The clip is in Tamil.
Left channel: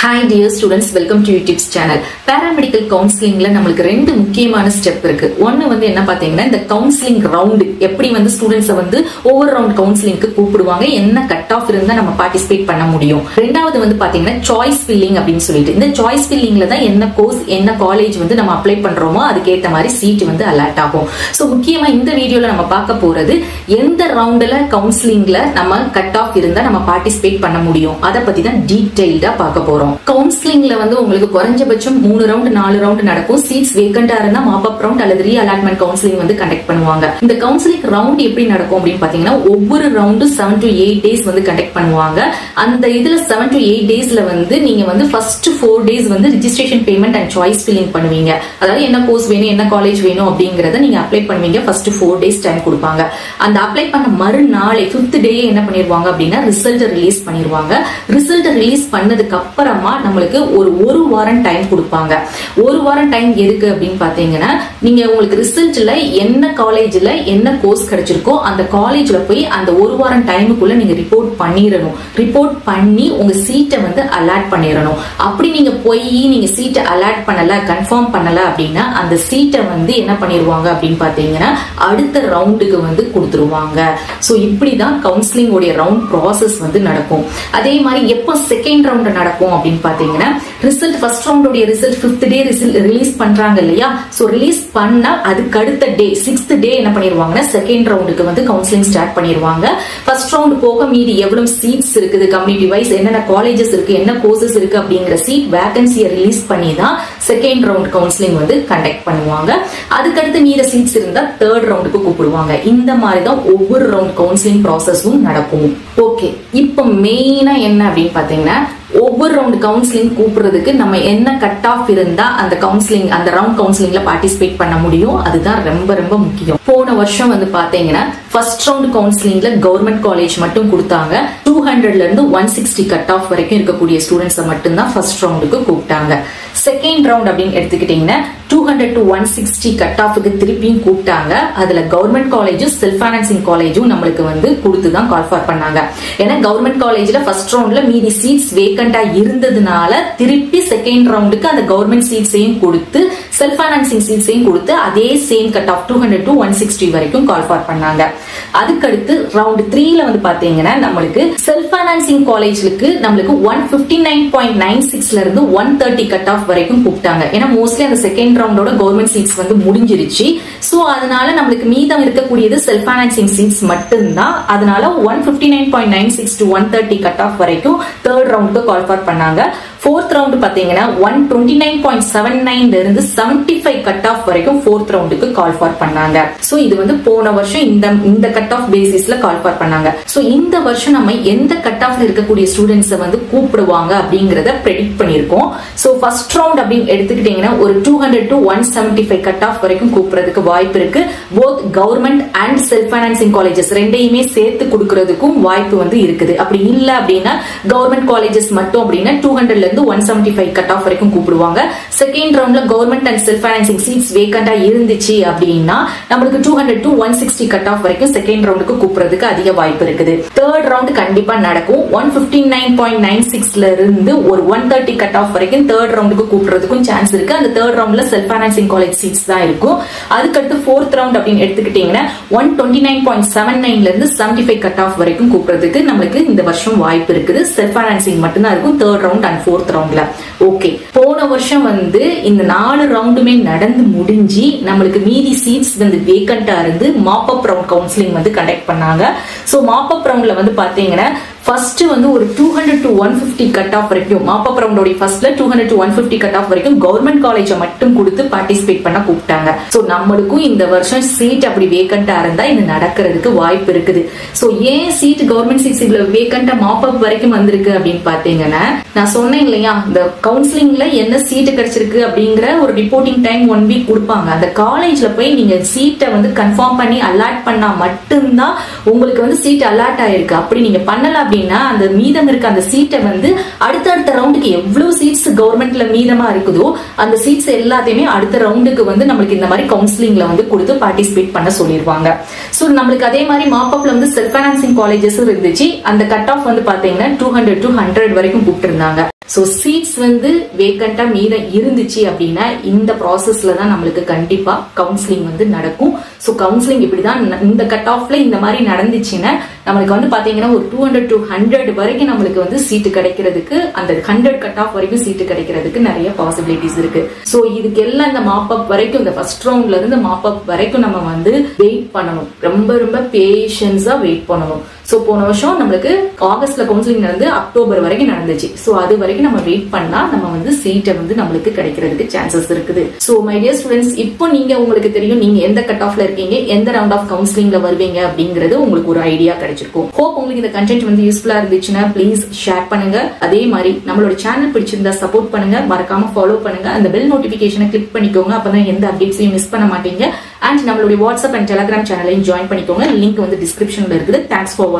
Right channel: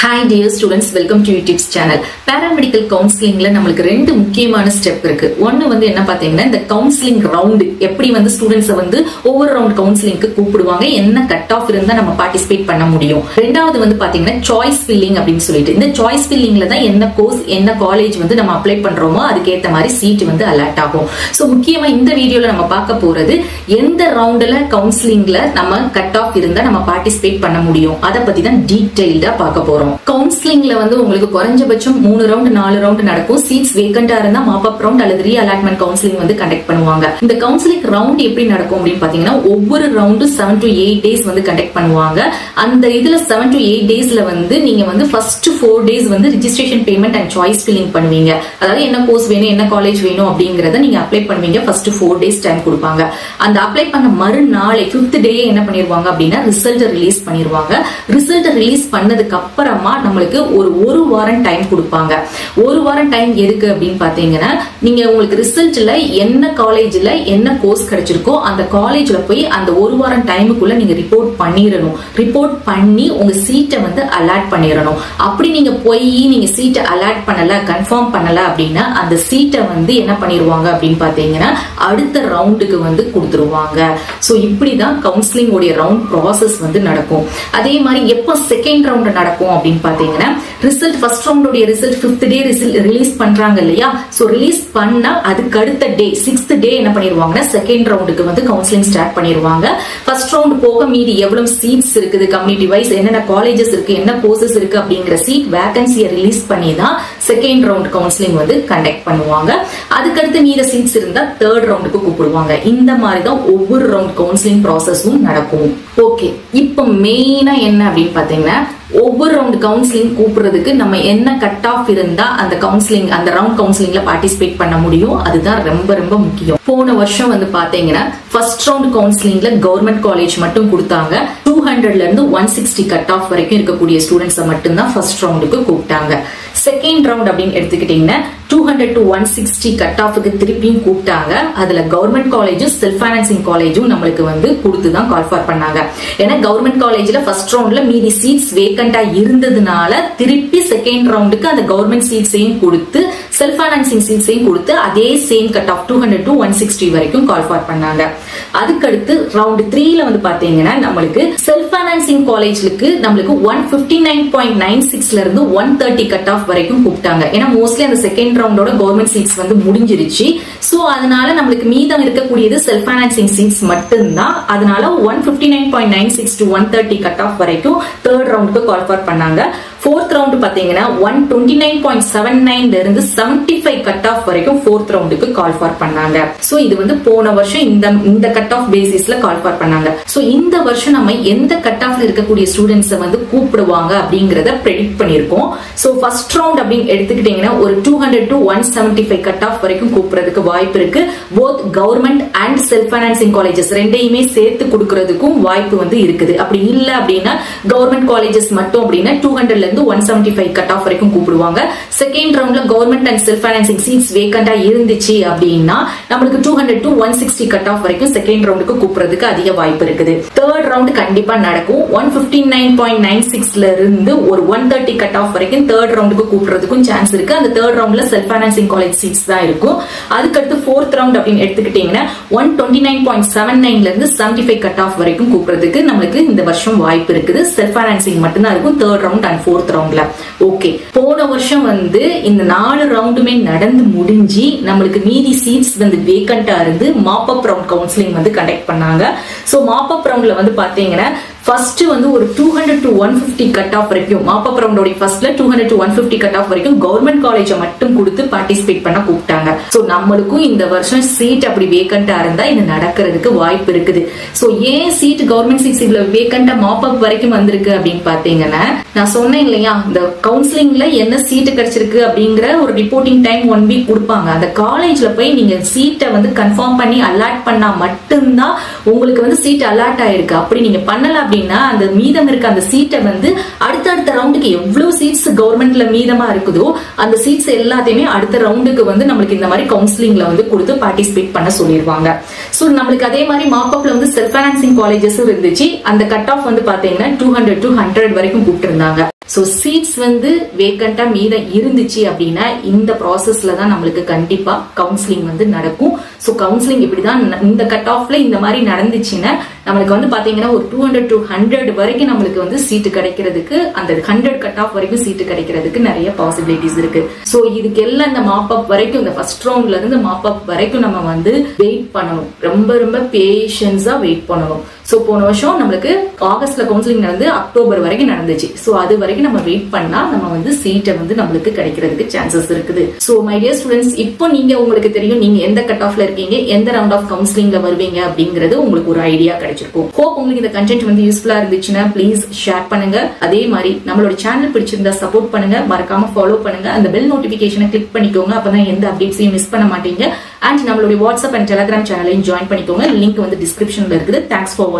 Hi dear students, welcome to YouTube's channel. Paramedical counseling la namakku rendu mukkiyamaana step irukku. One vandu enna pathina the counseling round eppadi vandu students vandu over round counseling ku koopiduvanga enna cut off irundha nama participate panna mudiyum. Rendavathu vandu pathina choice filling appdin solittu. Indha choice filling la da enna course enna college vandu nama apply pandromo adukku etta mari seat vandu allot agum. So mukkiyama indha video la nama paaka poradhu endha round la counseling la nama cut off irundha nama participate panna mudiyum. Adha pathi da detailed ah paaka porom. கவுன்சிலிங்ல வந்து உங்களுக்கு குறைஞ்சபட்சம் 3 ரவுண்ட் 4 ரவுண்ட் நடக்கும். சீட்ஸ் வேக்கண்டா இருந்தா மாப் அப் ரவுண்ட் அல்லது ரீ அலாட்மெண்ட் கவுன்சிலிங் வந்து கண்டக்ட் பண்ணுவாங்க. இந்த கவுன்சிலிங் ரவுண்ட் எப்படி நடக்கும் அப்படின்னு பாத்தீங்கன்னா ஒவ்வொரு ரவுண்டு 7 to 8 டேஸ் வந்து கண்டக்ட் பண்ணுவாங்க. அந்த இதுல 7 to 8 டேஸ்ல வந்து நீங்க வந்து ஃபர்ஸ்ட் 4 டேஸ் வந்து registration payment and choice filling பண்ணுவீங்க. அதாவது என்ன கோர்ஸ் வேணும் என்ன காலேஜ் வேணும் அப்படிங்கறத நீங்க அப்ளை பண்ணுவீங்க. ஃபர்ஸ்ட் 4 டேஸ் டைம் கொடுப்பாங்க. அந்த அப்ளை பண்ண மறுநாளே 5th டே என்ன பண்ணிடுவாங்க அப்படின்னா ரிசல்ட் ரிலீஸ் பண்ணிடுவாங்க. ரிசல்ட் ரிலீஸ் பண்ணதுக்கு அப்புறமா நம்மளுக்கு ஒரு வாரம் டைம் கொடுப்பாங்க. ஒரு வாரம் டைம் எதுக்கு அப்படின்னு பாத்தீங்கன்னா நீங்க உங்களுக்கு ரிசல்ட்ல என்ன காலேஜ்ல என்ன கோர்ஸ் கிடைச்சிருக்கோ அந்த காலேஜ்ல போய் அந்த ஒரு வாரம் டைமுக்குள்ள நீங்க ரிப்போர்ட் பண்ணிடணும். ரிப்போர்ட் பண்ணி உங்க சீட்டை வந்து அலாட் பண்ணிடணும். அப்படி நீங்க போய் நீங்க சீட்டை அலாட் பண்ணல கன்ஃபார்ம் பண்ணல அப்படின்னா அந்த சீட்டை வந்து என்ன பண்ணிடுவாங்க அப்படின்னு பாத்தீங்கன்னா அடுத்த ரவுண்டுக்கு வந்து கொடுத்துருவாங்க. சோ இப்படிதான் கவுன்சிலிங் உடைய ரவுண்ட் ப்ராசஸ் வந்து நடக்கும். அதே மாதிரி எப்போ செகண்ட் ரவுண்ட் நடக்கும் அப்படின்னு பாத்தீங்கன்னா ரிசல்ட் ஃபர்ஸ்ட் ரவுண்டோட ரிசல்ட் 5th டே ரிலீஸ் பண்றாங்க இல்லையா? சோ ரிலீஸ் பண்ண அதுக்கு அடுத்த டே 6th டே என்ன பண்ணிடுவாங்கன்னா செகண்ட் ரவுண்டுக்கு வந்து கவுன்சிலிங் ஸ்டார்ட் பண்ணிடுவாங்க. ஃபர்ஸ்ட் ரவுண்ட் போக மீதி எவ்வளவு சீட்ஸ் இருக்குது கம்யூனிட்டி வைஸ் என்னென்ன காலேஜஸ் இருக்கு என்ன கோர்சஸ் இருக்கு அப்படிங்கிற சீட் வேகன்சியை ரிலீஸ் பண்ணி தான் செகண்ட் ரவுண்ட் கவுன்சிலிங் வந்து கண்டக்ட் பண்ணுவாங்க. அதுக்கடுத்து மீத சீட்ஸ் இருந்தா தேர்ட் ரவுண்டுக்கு கூப்பிடுவாங்க. இந்த மாதிரி தான் ஒவ்வொரு ரவுண்ட் கவுன்சிலிங் ப்ராசஸும் நடக்கும். ஓகே, இப்போ மெயினா என்ன அப்படின்னு பாத்தீங்கன்னா ஒவ்வொரு ரவுண்ட் கவுன்சிலிங் கூப்பிடுறதுக்கு நம்ம என்ன கட் ஆஃப் இருந்தா அந்த கவுன்சிலிங் அந்த ரவுண்ட் கவுன்சிலிங்ல பார்ட்டிசிபேட் பண்ண முடியும். அதுதான் ரொம்ப ரொம்ப முக்கியம். போன வருஷம் வந்து பாத்தீங்கன்னா ஃபர்ஸ்ட் ரவுண்ட் கவுன்சிலிங்ல கவர்மெண்ட் காலேஜ் மட்டும் கொடுத்தாங்க. 200ல இருந்து 160 கட் ஆஃப் வரைக்கும் இருக்கக்கூடிய ஸ்டூடெண்ட்ஸ் மட்டும் தான் ஃபர்ஸ்ட் ரவுண்டுக்கு கூப்பிட்டாங்க. செகண்ட் ரவுண்ட் அப்படின்னு எடுத்துக்கிட்டீங்கன்னா 200 to 160 கட் ஆஃப்க்கு திருப்பியும் கூப்பிட்டாங்க. அதுல கவர்மெண்ட் காலேஜும் செல்ஃப் ஃபைனான்சிங் காலேஜும் நம்மளுக்கு வந்து கொடுத்துதான் கால்ஃபார் பண்ணாங்க. ஏன்னா கவர்மெண்ட் காலேஜ்ல ஃபர்ஸ்ட் ரவுண்ட்ல மீதி சீட்ஸ் வேக்கண்டா இருந்ததுனால திருப்பி செகண்ட் ரவுண்டுக்கு அந்த கவர்மெண்ட் சீட்ஸையும் கொடுத்து செல்ஃப் ஃபைனான்சிங் சீட்ஸையும் கொடுத்து அதே சேம் கட் ஆஃப் 200 to 160 வரைக்கும் கால்ஃபார் பண்ணாங்க. அதுக்கடுத்து ரவுண்ட் 3ல வந்து பாத்தீங்கன்னா நம்மளுக்கு செல்ஃப் ஃபைனான்சிங் காலேஜுக்கு நம்மளுக்கு 159.96ல இருந்து 130 கட் ஆஃப் வரைக்கும் கூப்பிட்டாங்க. ஏன்னா மோஸ்ட்லி அந்த செகண்ட் ரவுண்டோட கவர்மெண்ட் சீட்ஸ் வந்து முடிஞ்சிருச்சு. சோ அதனால நம்மளுக்கு மீதம் இருக்கக்கூடியது செல்ஃப் ஃபைனான்சிங் சீட்ஸ் மட்டும்தான். அதனால 159.96 to 130 கட் ஆஃப் வரைக்கும் தேர்ட் ரவுண்டுக்கு கால்ஃபார் பண்ணாங்க. ஃபோர்த் ரவுண்ட் பாத்தீங்கன்னா 129.79ல இருந்து 75 கட் ஆஃப் வரைக்கும் ஃபோர்த் ரவுண்டுக்கு கால்ஃபார் பண்ணாங்க. சோ இது வந்து போன வருஷம் இந்த கட் ஆஃப் பேசிஸ்ல கால்ஃபார் பண்ணாங்க. சோ இந்த வருஷம் நம்ம எந்த கட் ஆஃப்ல இருக்கக்கூடிய ஸ்டூடெண்ட்ஸ் வந்து கூப்பிடுவாங்க அப்படிங்கறத ப்ரெடிக்ட் பண்ணிருக்கோம். சோ ஃபர்ஸ்ட் ரவுண்ட் அப்படின்னு எடுத்துக்கிட்டீங்கன்னா ஒரு 200 to 175 கட் ஆஃப் வரைக்கும் கூப்பிடுறதுக்கு வாய்ப்பு இருக்கு. Both government and self financing colleges ரெண்டையுமே சேர்த்து கொடுக்கறதுக்கும் வாய்ப்பு வந்து இருக்குது. அப்படி இல்ல அப்படின்னா கவர்மெண்ட் காலேஜஸ் மட்டும் அப்படின்னா 200ல இருந்து 175 கட் ஆஃப் வரைக்கும் கூப்பிடுவாங்க. செகண்ட் ரவுண்ட்ல government and self financing seats வேக்கண்டா இருந்துச்சு அப்படின்னா நம்மளுக்கு 200 to 160 கட் ஆஃப் வரைக்கும் செகண்ட் ரவுண்டுக்கு கூப்பிடுறதுக்கு அதிக வாய்ப்பு இருக்குது. தேர்ட் ரவுண்ட் கண்டிப்பா நடக்கும். 159.96ல இருந்து ஒரு 130 கட் ஆஃப் வரைக்கும் தேர்ட் ரவுண்டுக்கு கூப்பிடுறதுக்கும் சான்ஸ் இருக்கு. அந்த தேர்ட் ரவுண்ட்ல செல்ஃப் ஃபைனான்சிங் காலேஜ் சீட்ஸ் தான் இருக்கும். அதுக்கடுத்து ஃபோர்த் ரவுண்ட் அப்படின்னு எடுத்துக்கிட்டீங்கன்னா 129.79ல இருந்து 75 கட் ஆஃப் வரைக்கும் கூப்பிடுறதுக்கு நம்மளுக்கு இந்த வருஷம் வாய்ப்பு இருக்குது. செல்ஃப் ஃபைனான்சிங் மட்டும் தான் இருக்கும் தேர்ட் ரவுண்ட் அண்ட் ஃபோர்த் ரவுண்ட்ல. ஓகே, போன வருஷம் வந்து இந்த 4 ரவுண்டுமே நடந்து முடிஞ்சு நம்மளுக்கு மீதி சீட்ஸ் வந்து வேக்கண்டா இருந்து மாப் அப் ரவுண்ட் கவுன்சிலிங் வந்து கண்டக்ட் பண்ணாங்க. சோ மாப் அப் ரவுண்ட்ல வந்து பாத்தீங்கன்னா ஃபர்ஸ்ட் வந்து ஒரு 200 to 150 கட் ஆஃப் வரைக்கும் மாப் அப் ரவுண்டோட ஃபர்ஸ்ட்ல 200 to 150 கட் ஆஃப் வரைக்கும் கவர்மெண்ட் காலேஜை மட்டும் கொடுத்து பார்ட்டிசிபேட் பண்ண கூப்பிட்டாங்க. சோ நம்மளுக்கும் இந்த வருஷம் சீட் அப்படி வேக்கண்டா இருந்தா இது நடக்கிறதுக்கு வாய்ப்பு இருக்குது. சோ ஏன் சீட் கவர்மெண்ட் சீட்ஸ் இவ்வளவு வேக்கண்டா மாப் அப் வரைக்கும் வந்திருக்கு அப்படின்னு பாத்தீங்கன்னா நான் சொன்னேன் இல்லையா இந்த கவுன்சிலிங்ல என்ன சீட்டு கிடைச்சிருக்கு அப்படிங்கிற ஒரு ரிப்போர்ட்டிங் டைம் 1 வீக் கொடுப்பாங்க. அந்த காலேஜ்ல போய் நீங்க சீட்டை வந்து கன்ஃபார்ம் பண்ணி அலாட் பண்ணா மட்டும்தான் உங்களுக்கு வந்து சீட் அலாட் ஆயிருக்கு. அப்படி நீங்க பண்ணல அப்படின்னா அந்த மீதம் இருக்க அந்த சீட்டை வந்து அடுத்த ரவுண்டுக்கு எவ்வளவு சீட்ஸ் கவர்மெண்ட்ல மீதமா இருக்குதோ அந்த சீட்ஸ் எல்லாத்தையுமே அடுத்த ரவுண்டுக்கு வந்து நம்மளுக்கு இந்த மாதிரி கவுன்சிலிங்ல வந்து கொடுத்து பார்ட்டிசிபேட் பண்ண சொல்லிருவாங்க. சோ நம்மளுக்கு அதே மாதிரி மாப்அப்ல வந்து செல்ஃப் ஃபைனான்சிங் காலேஜஸ் இருந்துச்சு. அந்த கட் ஆஃப் வந்து பாத்தீங்கன்னா 200 to 100 வரைக்கும் போட்டு இருந்தாங்க. சோ சீட்ஸ் வந்து வேக்கண்டா மீத இருந்துச்சு அப்படின்னா இந்த ப்ராசஸ்ல தான் நம்மளுக்கு கண்டிப்பா கவுன்சிலிங் வந்து நடக்கும். சோ கவுன்சிலிங் இப்படிதான் இந்த கட் ஆஃப்ல இந்த மாதிரி நடந்துச்சுன்னா நம்மளுக்கு வந்து பாத்தீங்கன்னா ஒரு 200 to 100 வரைக்கும் நம்மளுக்கு வந்து சீட்டு கிடைக்கிறதுக்கு, அந்த 100 கட் ஆஃப் வரைக்கும் சீட்டு கிடைக்கிறதுக்கு நிறைய பாசிபிலிட்டிஸ் இருக்கு. சோ இதுக்கு எல்லாம் இந்த மாப் அப் வரைக்கும், இந்த ஃபர்ஸ்ட் ரவுண்ட்ல இருந்து மாப் அப் வரைக்கும் நம்ம வந்து வெயிட் பண்ணணும். ரொம்ப ரொம்ப பேஷன்ஸா வெயிட் பண்ணணும். சோ போன வருஷம் நம்மளுக்கு ஆகஸ்ட்ல கவுன்சிலிங் நடந்து அக்டோபர் வரைக்கும் நடந்துச்சு. சோ அது வரைக்கும் நம்ம வெயிட் பண்ணா நம்ம வந்து சீட்டை வந்து நம்மளுக்கு கிடைக்கிறதுக்கு சான்சஸ் இருக்குது. சோ மை டியர் ஸ்டூடெண்ட்ஸ், இப்போ நீங்க உங்களுக்கு தெரியும் நீங்க எந்த கட் ஆஃப்ல இருக்கீங்க, எந்த ரவுண்ட் ஆஃப் கவுன்சிலிங்ல வருவீங்க அப்படிங்கிறது உங்களுக்கு ஒரு ஐடியா கிடைச்சிருக்கும். ஹோப் உங்களுக்கு இந்த கண்டென்ட் வந்து யூஸ்ஃபுல்லா இருந்துச்சுன்னா ப்ளீஸ் ஷேர் பண்ணுங்க. அதே மாதிரி நம்மளோட சேனல் பிடிச்சிருந்தா சப்போர்ட் பண்ணுங்க, மறக்காம ஃபாலோ பண்ணுங்க, அந்த பெல் நோட்டிபிகேஷனை கிளிக் பண்ணிக்கோங்க. அப்பதான் எந்த அப்டேட்ஸையும் மிஸ் பண்ண மாட்டீங்க. அண்ட் நம்மளுடைய வாட்ஸ்அப் அண்ட் டெலிகிராம் சேனலையும் ஜாயின் பண்ணிக்கோங்க. லிங்க் வந்து டிஸ்கிரிப்ஷன்ல இருக்குது. தேங்க்ஸ் ஃபார் வாட்சிங்.